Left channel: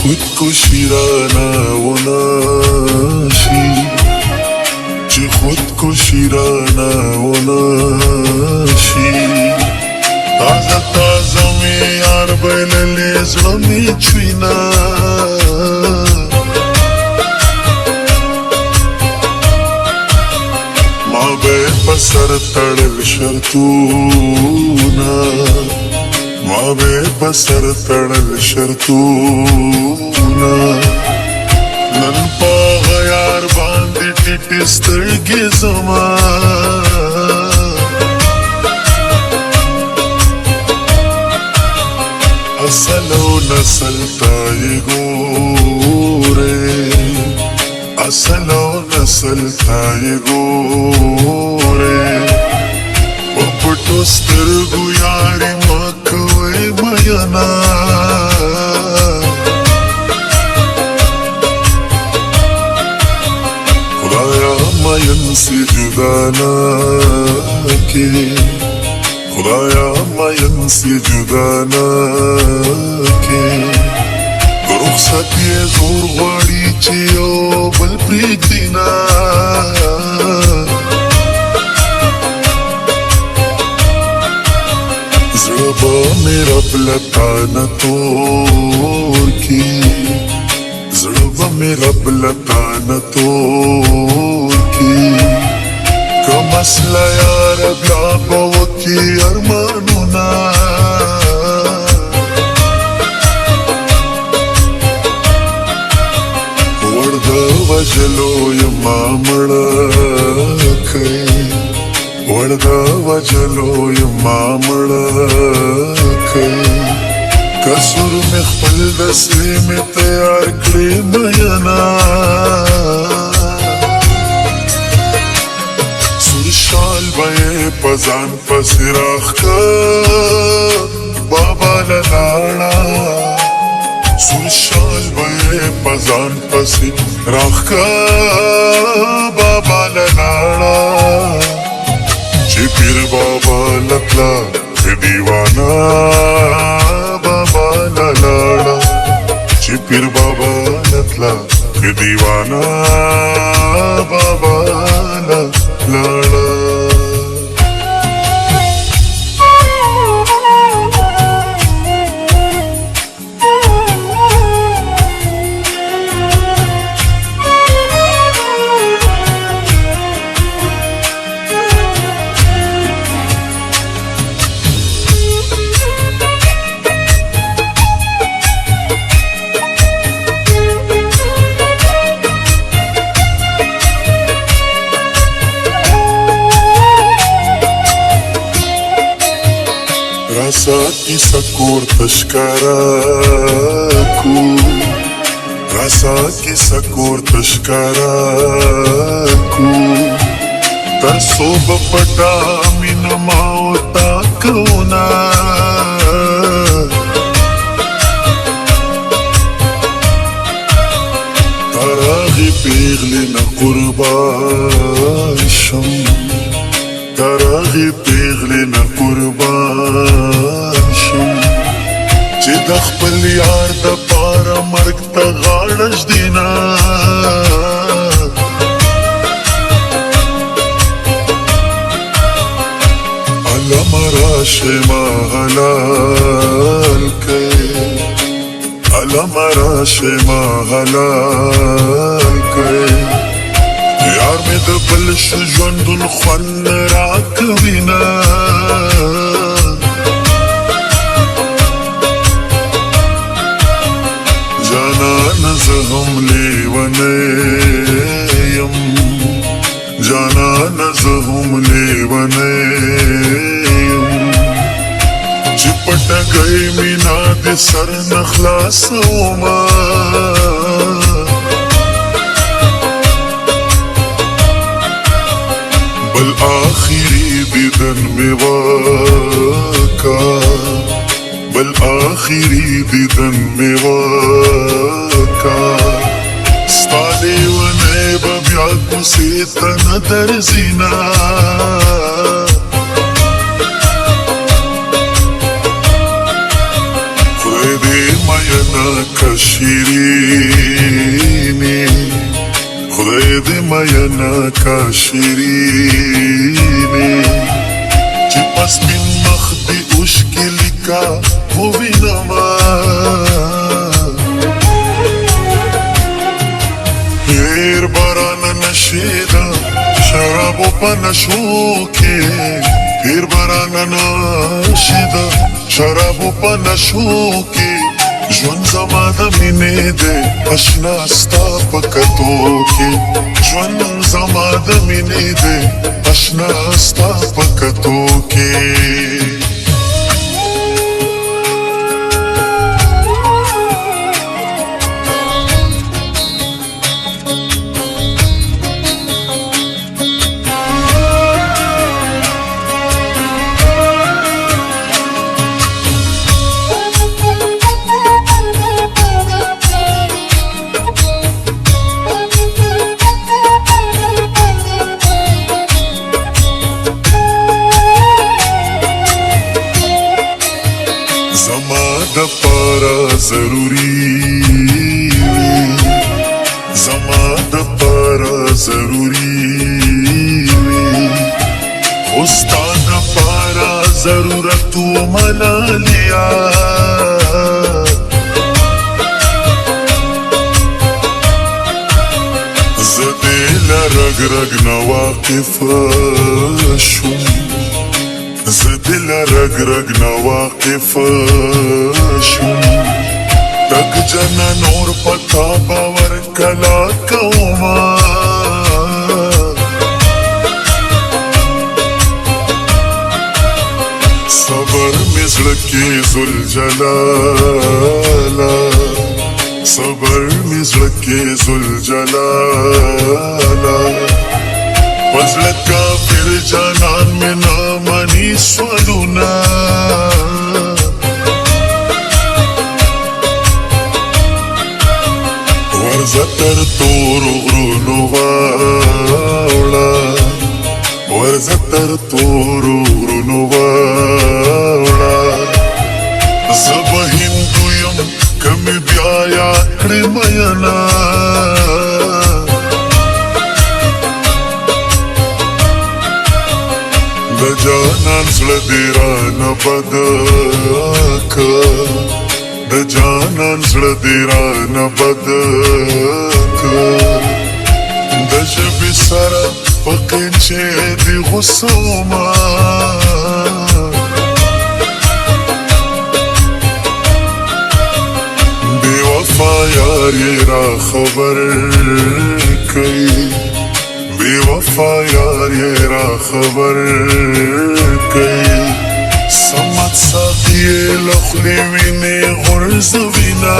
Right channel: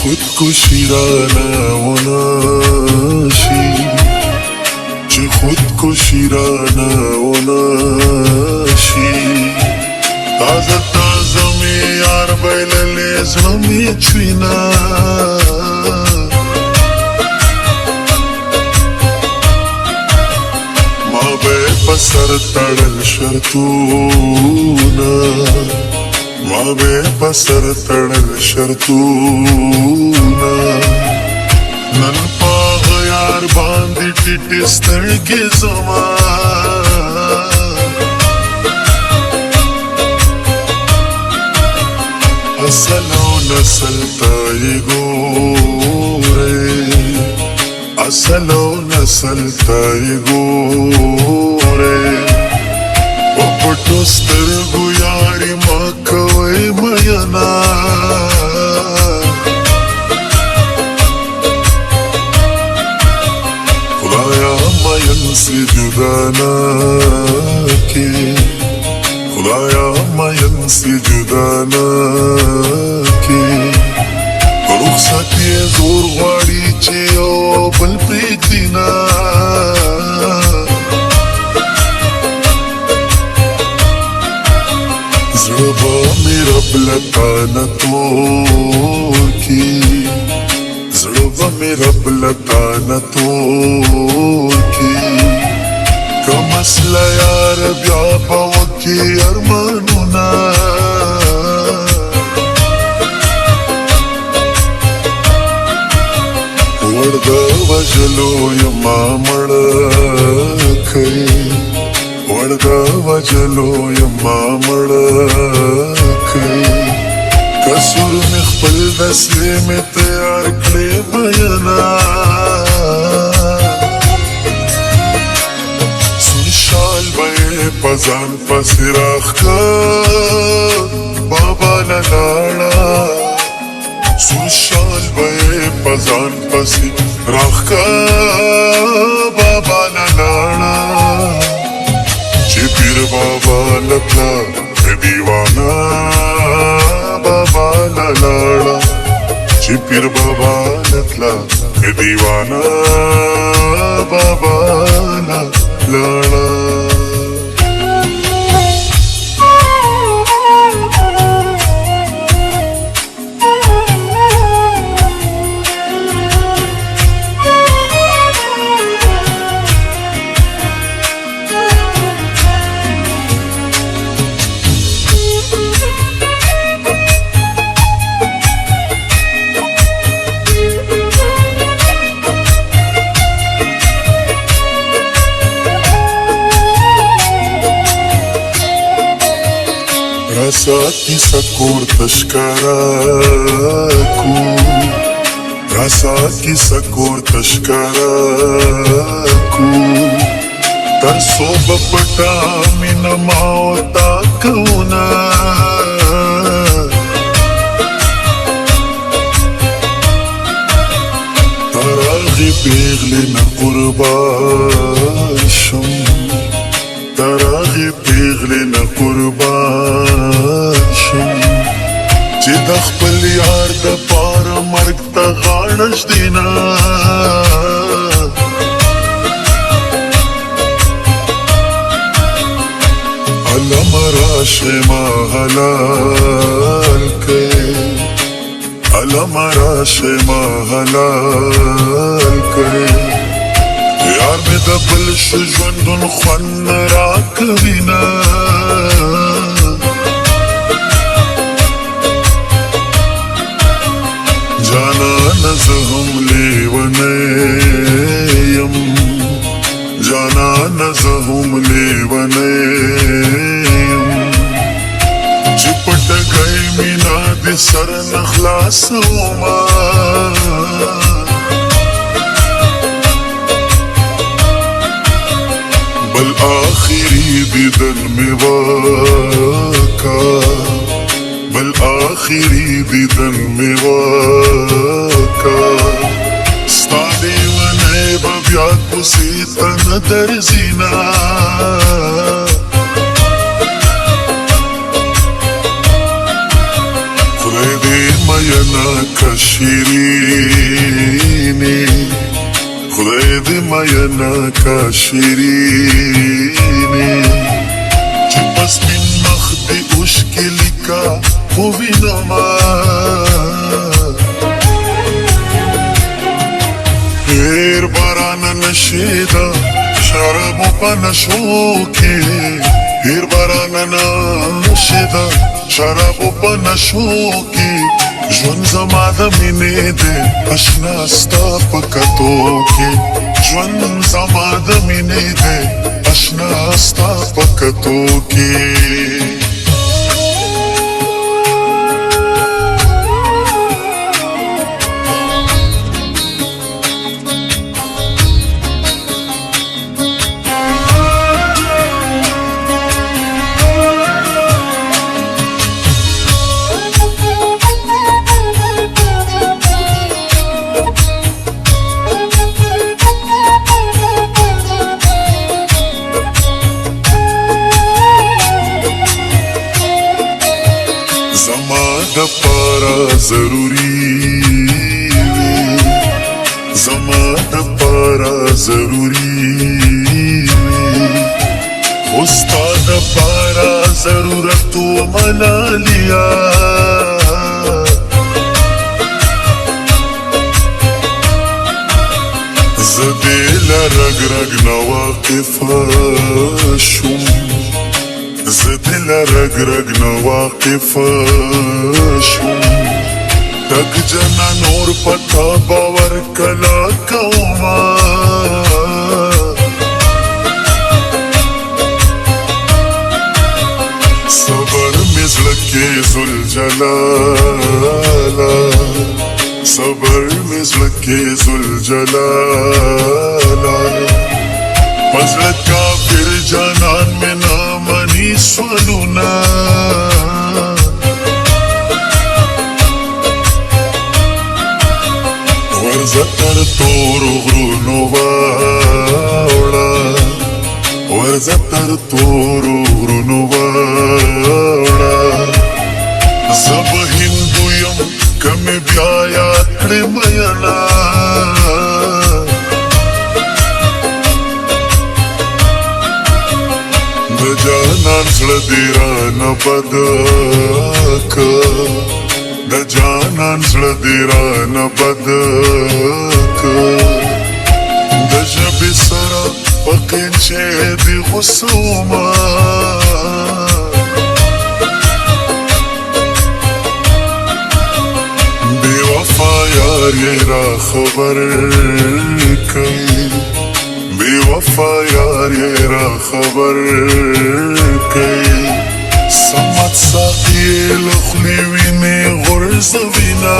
خودکشی رانه وناشی چې خودکشی رانه وناشی تازه تازه می یار بایللی زړه می چوینا ما به په سر تړل شرطونه ما به په سر تړل شرطونه نن په غیار باندې ټیټې سترګې زما اصل و نسل تا یې ګورې اصل و نسل تا یې ګورې په پټو سترګو یارې ما کوئ مینا خدایا مین سی جدا نه کې خدایا مین سی جدا نه کې رخصت یې زور غواړي چې یو بل پرېږدي نه زړه به مې رب له تا نه تور کړي زړه به مې رب له تا نه تور کړي که مسله یاره بیا به وکړي ارمانونه وړ د وجلو یما مړه کړې وړ د وجلو یما مړه کړې کسر مې خپل دسې مې تیار کړې مینا سور شال به یې په ځان پسې راښکه بابا نه لاړه سور شال به یې په ځان پسې راښکه بابا نه لاړه چې پیر بابا لپلا دیوانا بابا نه لاړه چې پیر بابا لپلا دیوانا بابا نه لاړه راساتی سکور تشکارا کو راساتی سکور تشکارا کو ترسو بپٹا من ماوتا کونا تراغی پیغلی نا قربان شم تراغی پیغلی نا قربان شم چې د خپل یار د پاره مرګ ته غاړه ږدي نه علم راشې ما حلال کړې علم راشې ما حلال کړې یار مې د بل شو ژوندون خوند راکوي نه زهم لیونی یم جانان زهم لیونی یم چې پټ گئی مینا د سر نخلاصوما بل آخری دیدن می واکا بل آخری دیدن می واکا ستا دیوانی به بیا کوڅې ته نه درځي نه خدای دې مینا که شیرینی خدای دې مینا که شیرینی چې پس مې مخ دې اوښکې لیکا ووینما ډېر باران نشیده شرابو په نشو کې ډېر باران نشیده شرابو په نشو کې ژوند زما د مینې دی اشنا ستا په کتو کې ژوند زما د مینې دی اشنا ستا په کتو کې ضروری زما دپاره ضروری استاد دپاره ضرورت ومنالیا زه دې له رګ رګ نه واقف شوم زه دې له رګ رګ نه واقف شوم تک جن نور پتا باور کلا کوما صبر مزړه زل جلالا صبر مزړه زل جلالا پزړه کافر جانان مې نامني سولونا ورزتر تورو غرونو واوړه ورزتر تورو غرونو واوړه زه به هندو یم که مې بیا یاد کړې مینا د جانان زړه دې رانه بد که د جانان زړه دې رانه بد که د ژبې سره پکې چې دې غوسه ومه بې وفا یار یې را خبر کوي بې وفا یار یې را خبر کوي سمت سخت یې له خولې وینې غورځوینه